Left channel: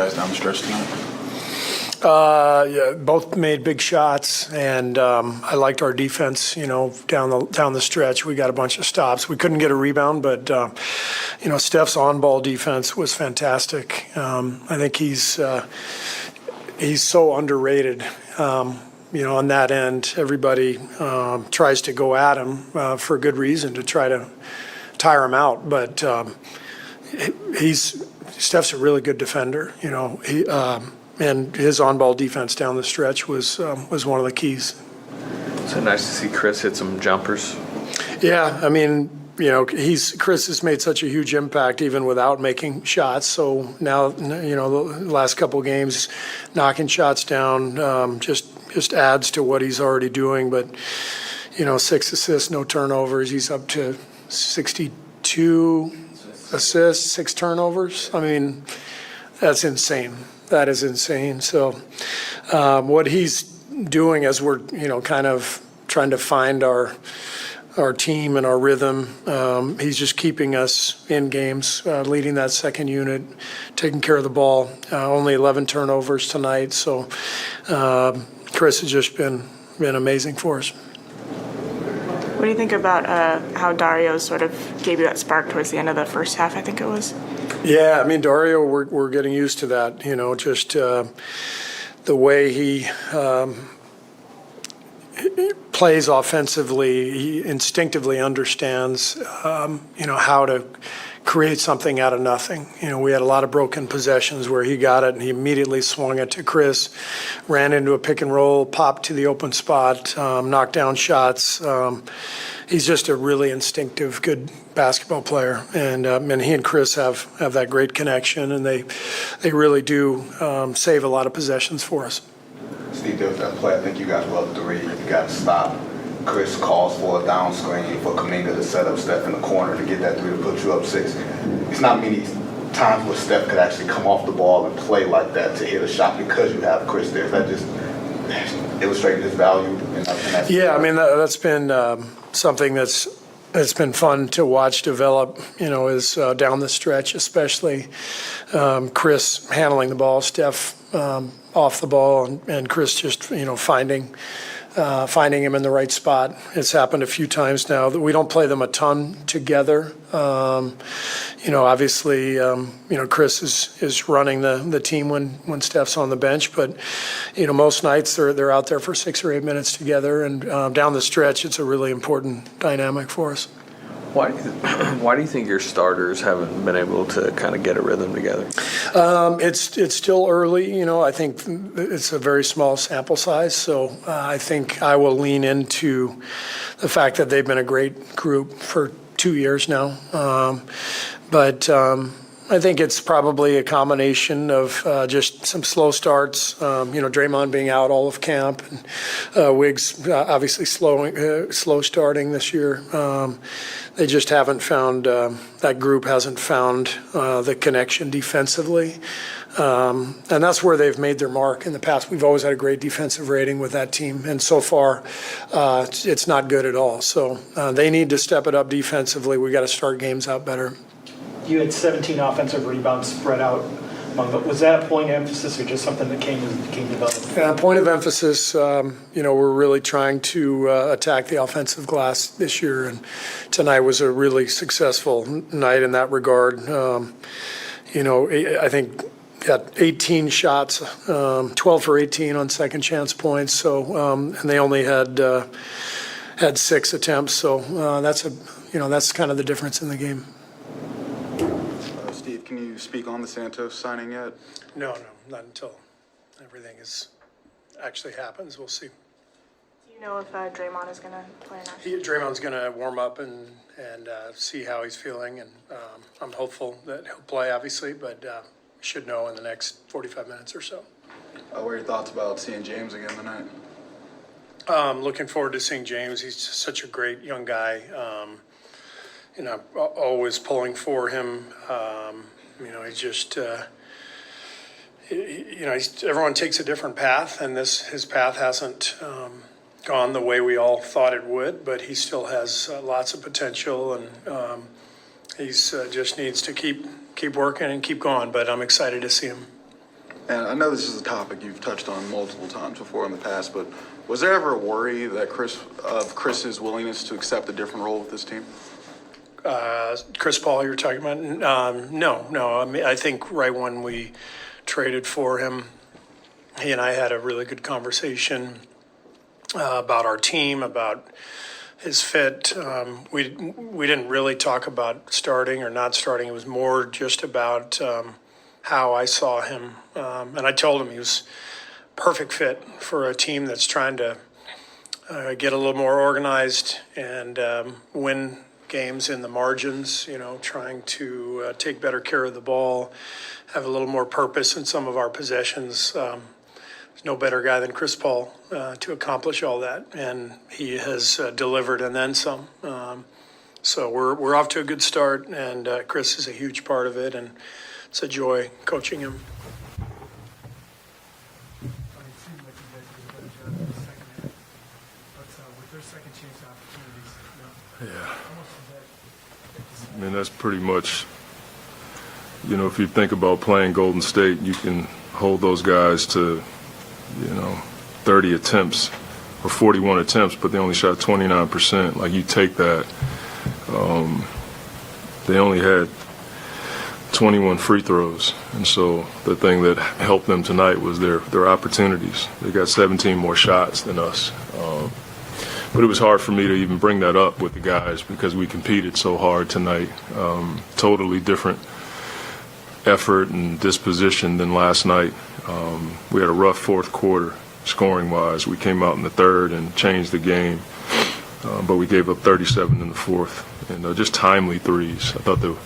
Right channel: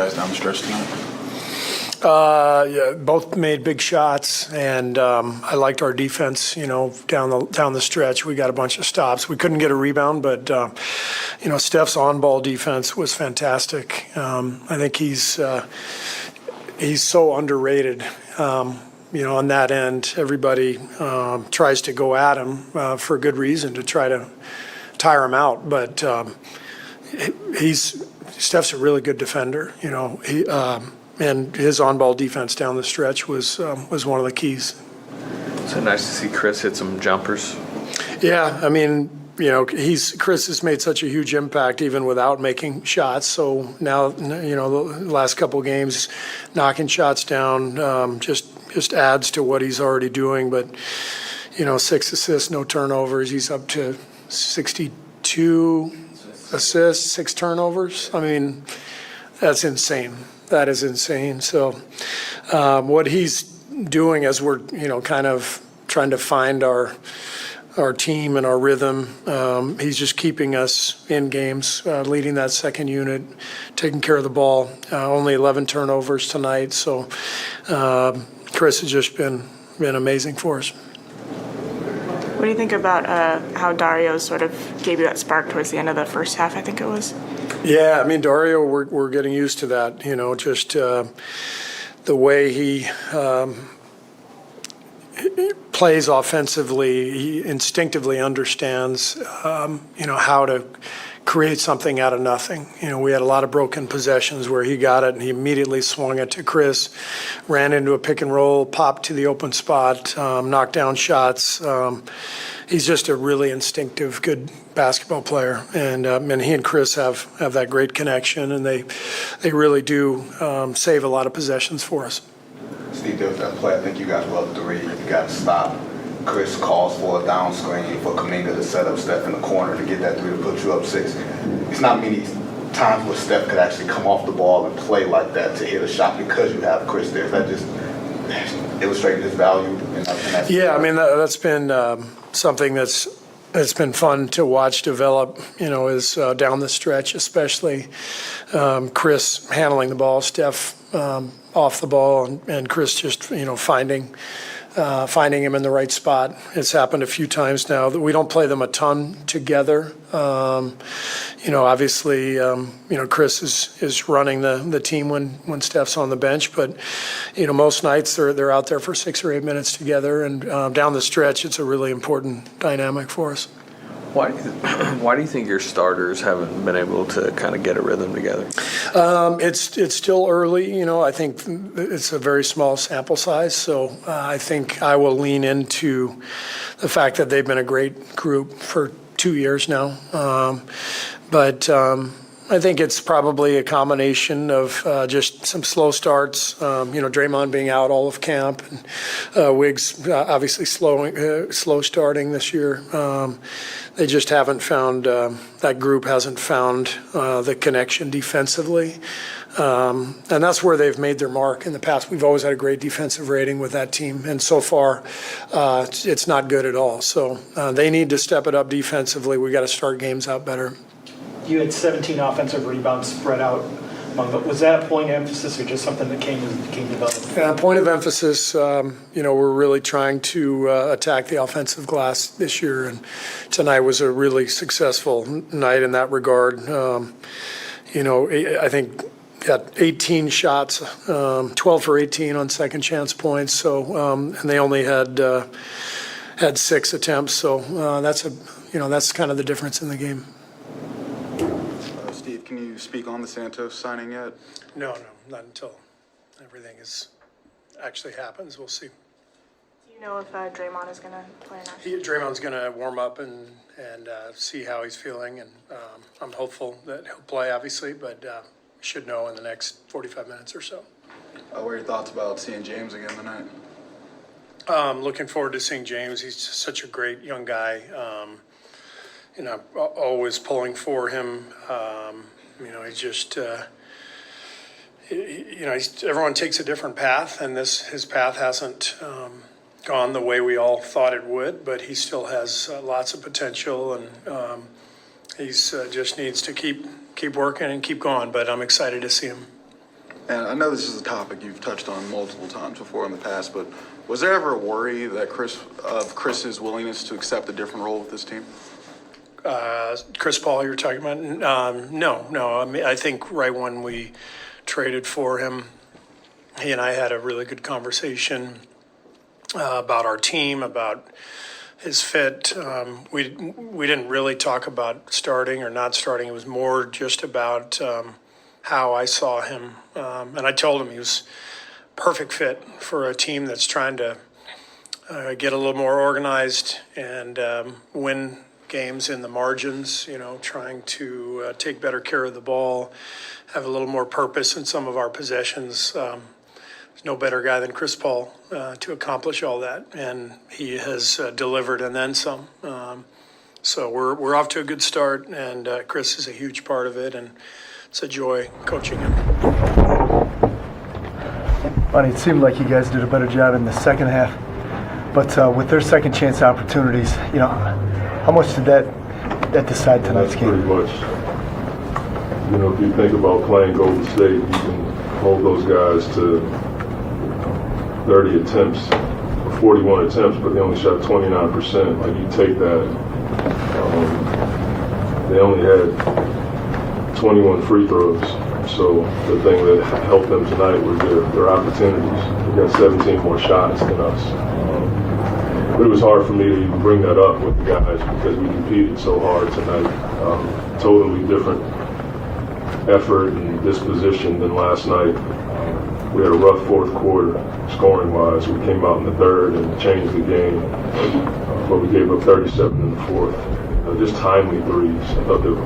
Guys down the stretch tonight? Yeah, both made big shots, and I liked our defense. Down the stretch, we got a bunch of stops. We couldn't get a rebound, but Steph's on-ball defense was fantastic. I think he's so underrated. On that end, everybody tries to go at him for good reason to try to tire him out, but Steph's a really good defender. And his on-ball defense down the stretch was one of the keys. So nice to see Chris hit some jumpers. Yeah, I mean, Chris has made such a huge impact even without making shots. So now, the last couple of games, knocking shots down just adds to what he's already doing. But 6 assists, no turnovers. He's up to 62 assists, 6 turnovers. I mean, that's insane. That is insane. So what he's doing as we're, kind of trying to find our team and our rhythm, he's just keeping us in games, leading that second unit, taking care of the ball. Only 11 turnovers tonight. So Chris has just been amazing for us. What do you think about how Dario sort of gave you that spark towards the end of the first half, I think it was? Yeah, I mean, Dario, we're getting used to that, just the way he plays offensively. He instinctively understands, how to create something out of nothing. We had a lot of broken possessions where he got it and he immediately swung it to Chris, ran into a pick and roll, popped to the open spot, knocked down shots. He's just a really instinctive, good basketball player, and he and Chris have that great connection, and they really do save a lot of possessions for us. Steve, there was that play. I think you guys were up 3. You got to stop. Chris calls for a down screen for Kuminga to set up Steph in the corner to get that 3 to put you up 6. It's not many times where Steph could actually come off the ball and play like that to hit a shot because you have Chris there. That just illustrates his value. Yeah, I mean, that's been something that's been fun to watch develop, is down the stretch, especially Chris handling the ball, Steph off the ball, and Chris just, finding him in the right spot. It's happened a few times now that we don't play them a ton together. Obviously, Chris is running the team when Steph's on the bench, but most nights they're out there for 6 or 8 minutes together, and down the stretch, it's a really important dynamic for us. Why do you think your starters haven't been able to kind of get a rhythm together? It's still early. I think it's a very small sample size, so I think I will lean into the fact that they've been a great group for 2 years now. But I think it's probably a combination of just some slow starts. Draymond being out all of camp, and Wiggs obviously slow starting this year. They just haven't found that group hasn't found the connection defensively, and that's where they've made their mark in the past. We've always had a great defensive rating with that team, and so far it's not good at all. So they need to step it up defensively. We got to start games out better. You had 17 offensive rebounds spread out among them. Was that a point of emphasis or just something that came developed? Point of emphasis, we're really trying to attack the offensive glass this year, and tonight was a really successful night in that regard. I think got 18 shots, 12 for 18 on second chance points. So, and they only had 6 attempts. So that's kind of the difference in the game. Steve, can you speak on the Santos signing yet? No, not until everything actually happens. We'll see. Do you know if Draymond is going to play or not? Draymond's going to warm up and see how he's feeling, and I'm hopeful that he'll play, obviously, but should know in the next 45 minutes or so. What are your thoughts about seeing James again tonight? Looking forward to seeing James. He's such a great young guy. Always pulling for him. He's just, everyone takes a different path, and his path hasn't gone the way we all thought it would, but he still has lots of potential, and he's just needs to keep working and keep going. But I'm excited to see him. And I know this is a topic you've touched on multiple times before in the past, but was there ever a worry that Chris's willingness to accept a different role with this team? Chris Paul, you're talking about? No. I mean, I think right when we traded for him, he and I had a really good conversation about our team, about his fit. We didn't really talk about starting or not starting. It was more just about how I saw him. And I told him he was perfect fit for a team that's trying to get a little more organized and win games in the margins, trying to take better care of the ball, have a little more purpose in some of our possessions. There's no better guy than Chris Paul to accomplish all that, and he has delivered and then some. So we're off to a good start, and Chris is a huge part of it, and it's a joy coaching him. Monty, it seemed like you guys did a better job in the second half, but with their second chance opportunities, how much did that decide tonight's game? Pretty much. If you think about playing Golden State, you can hold those guys to 30 attempts or 41 attempts, but they only shot 29%. Like, you take that. They only had 21 free throws. So the thing that helped them tonight was their opportunities. They got 17 more shots than us. But it was hard for me to even bring that up with the guys because we competed so hard tonight. Totally different effort and disposition than last night. We had a rough fourth quarter scoring-wise. We came out in the third and changed the game, but we gave up 37 in the fourth. And just timely threes. I thought the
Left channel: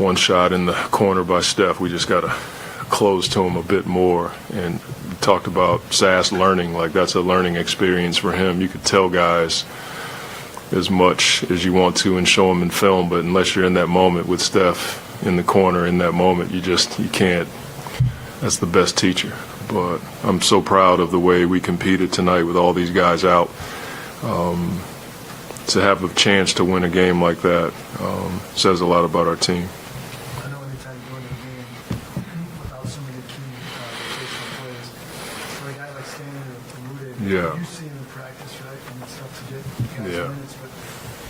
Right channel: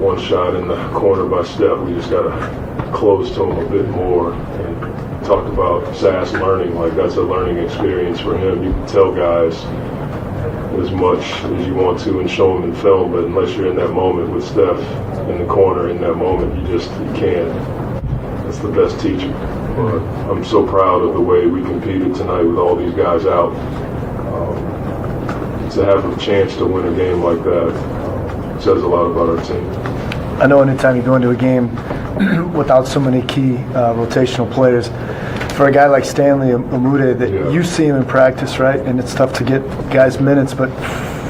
one shot in the corner by Steph, we just got to close to him a bit more. And talked about Sass learning, like that's a learning experience for him. You can tell guys as much as you want to and show them in film, but unless you're in that moment with Steph in the corner in that moment, you can't. That's the best teacher. But I'm so proud of the way we competed tonight with all these guys out. To have a chance to win a game like that says a lot about our team. I know anytime you go into a game without so many key rotational players, for a guy like Stanley Umude, that you see him in practice, right? And it's tough to get guys minutes, but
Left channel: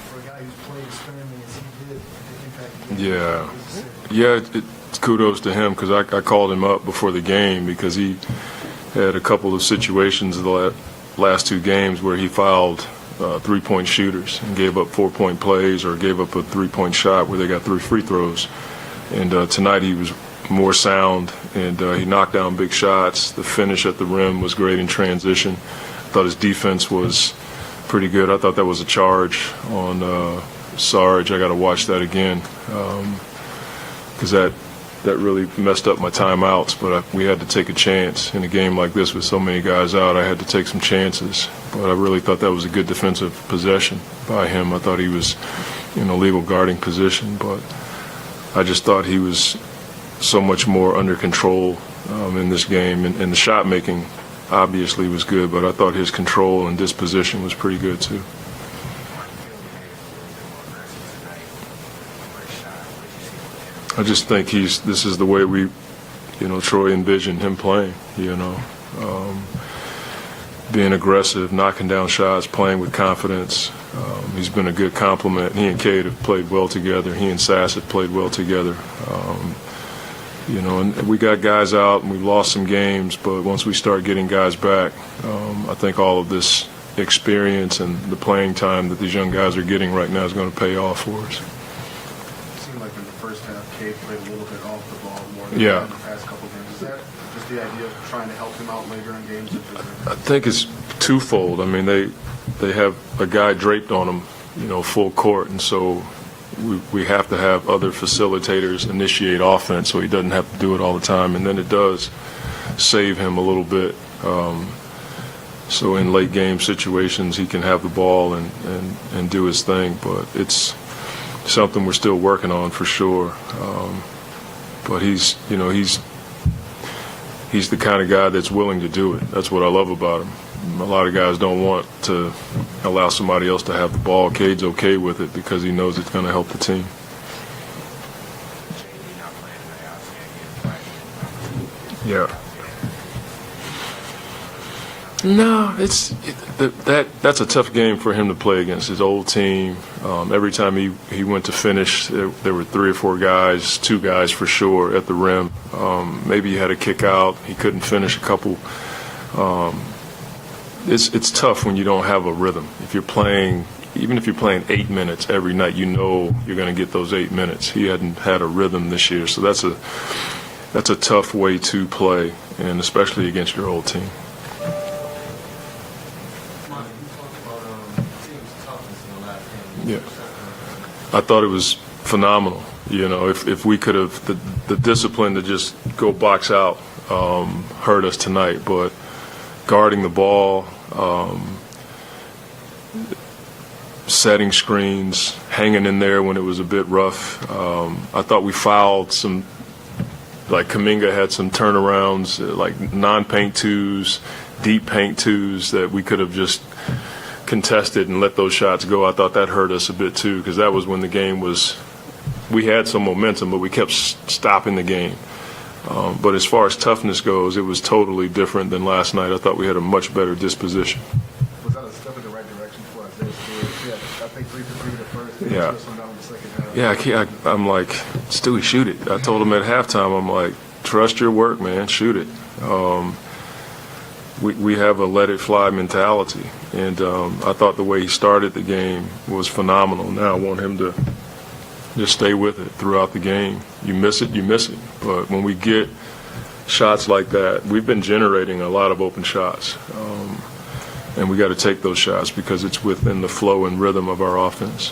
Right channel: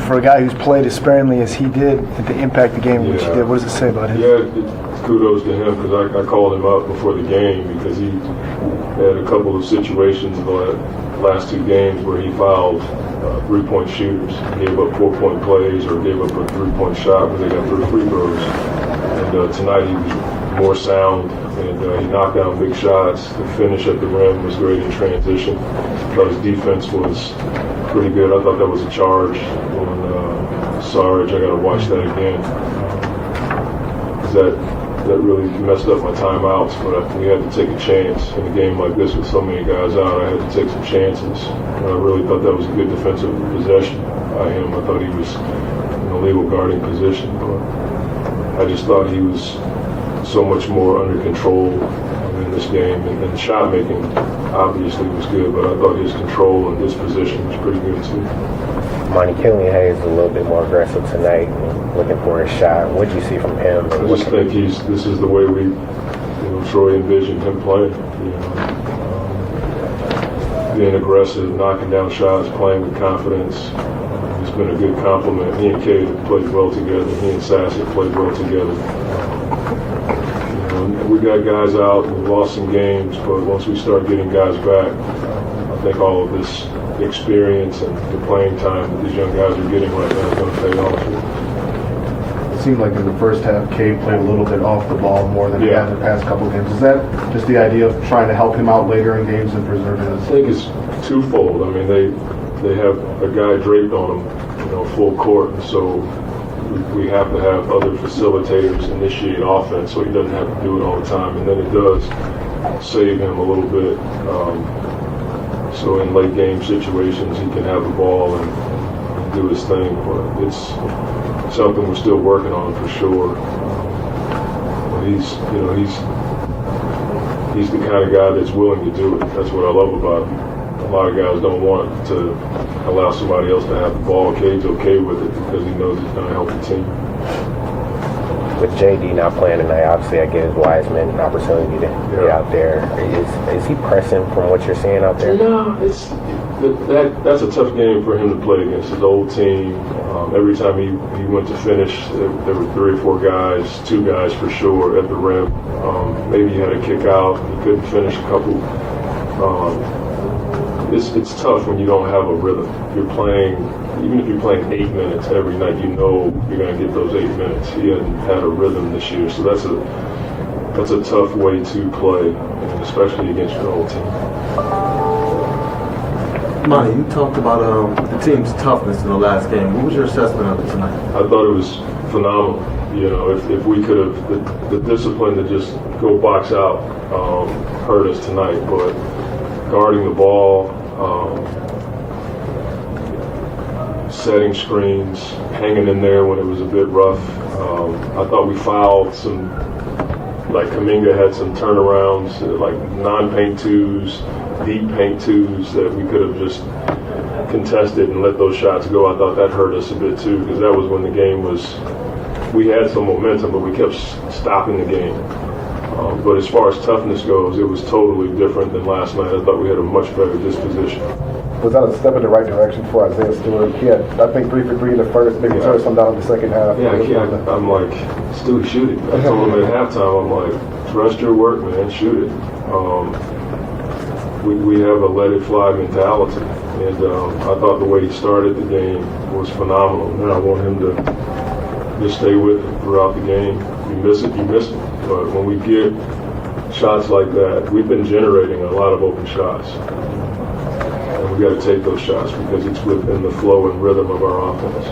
for a guy who's played as sparingly as he did and to impact the game, what does it say about him? Yeah, it's kudos to him because I called him up before the game because he had a couple of situations in the last two games where he fouled three-point shooters, gave up 4-point plays or gave up a three-point shot where they got 3 free throws. And tonight he was more sound, and he knocked down big shots. The finish at the rim was great in transition. I thought his defense was pretty good. I thought that was a charge on Saric. I got to watch that again because that really messed up my timeouts. But we had to take a chance in a game like this with so many guys out. I had to take some chances. But I really thought that was a good defensive possession by him. I thought he was in a legal guarding position, but I just thought he was so much more under control in this game. And the shot making obviously was good, but I thought his control and disposition was pretty good too. Monty, Killian Hayes a little bit more aggressive tonight, looking for a shot. What did you see from him? I just think this is the way we, Troy envisioned him playing, being aggressive, knocking down shots, playing with confidence. He's been a good compliment. He and Cade have played well together. He and Sass have played well together. And we got guys out. We lost some games, but once we start getting guys back, I think all of this experience and the playing time that these young guys are getting right now is going to pay off for us. It seemed like in the first half, Cade played a little bit off the ball more than he had in the past couple of games. Is that just the idea of trying to help him out later in games and preserve him? I think it's twofold. I mean, they have a guy draped on him, full court, and so we have to have other facilitators initiate offense so he doesn't have to do it all the time, and then it does save him a little bit. So in late game situations, he can have the ball and do his thing, but it's something we're still working on for sure. But he's the kind of guy that's willing to do it. That's what I love about him. A lot of guys don't want to allow somebody else to have the ball. Cade's okay with it because he knows it's going to help the team. with JD not playing tonight, obviously that gives Wiseman an opportunity to get out there. Is he pressing from what you're seeing out there? No, that's a tough game for him to play against his old team. Every time he went to finish, there were 3 or 4 guys, 2 guys for sure at the rim. Maybe he had a kick out, he couldn't finish a couple. It's tough when you don't have a rhythm. Even if you're playing 8 minutes every night, you know you're going to get those 8 minutes. He hadn't had a rhythm this year, so that's a tough way to play, and especially against your old team. Monty, you talked about the team's toughness in the last game. What was your assessment of it tonight? I thought it was phenomenal. You know, if we could have, the discipline to just go box out hurt us tonight, but guarding the ball, setting screens, hanging in there when it was a bit rough. I thought we fouled some, like Kuminga had some turnarounds, like non-paint twos, deep paint twos that we could have just contested and let those shots go. I thought that hurt us a bit too, because that was when the game was, we had some momentum, but we kept stopping the game. But as far as toughness goes, it was totally different than last night. I thought we had a much better disposition. Was that a step in the right direction for Isaiah Stewart? He had, I think, 3 for 3 in the first, maybe turned some down in the second half. Yeah, I'm like, Stewie, shoot it. I told him at halftime, I'm like, trust your work, man, shoot it. We have a let it fly mentality, and I thought the way he started the game was phenomenal. Now I want him to just stay with it throughout the game. You miss it, you miss it. But when we get shots like that, we've been generating a lot of open shots. And we got to take those shots because it's within the flow and rhythm of our offense.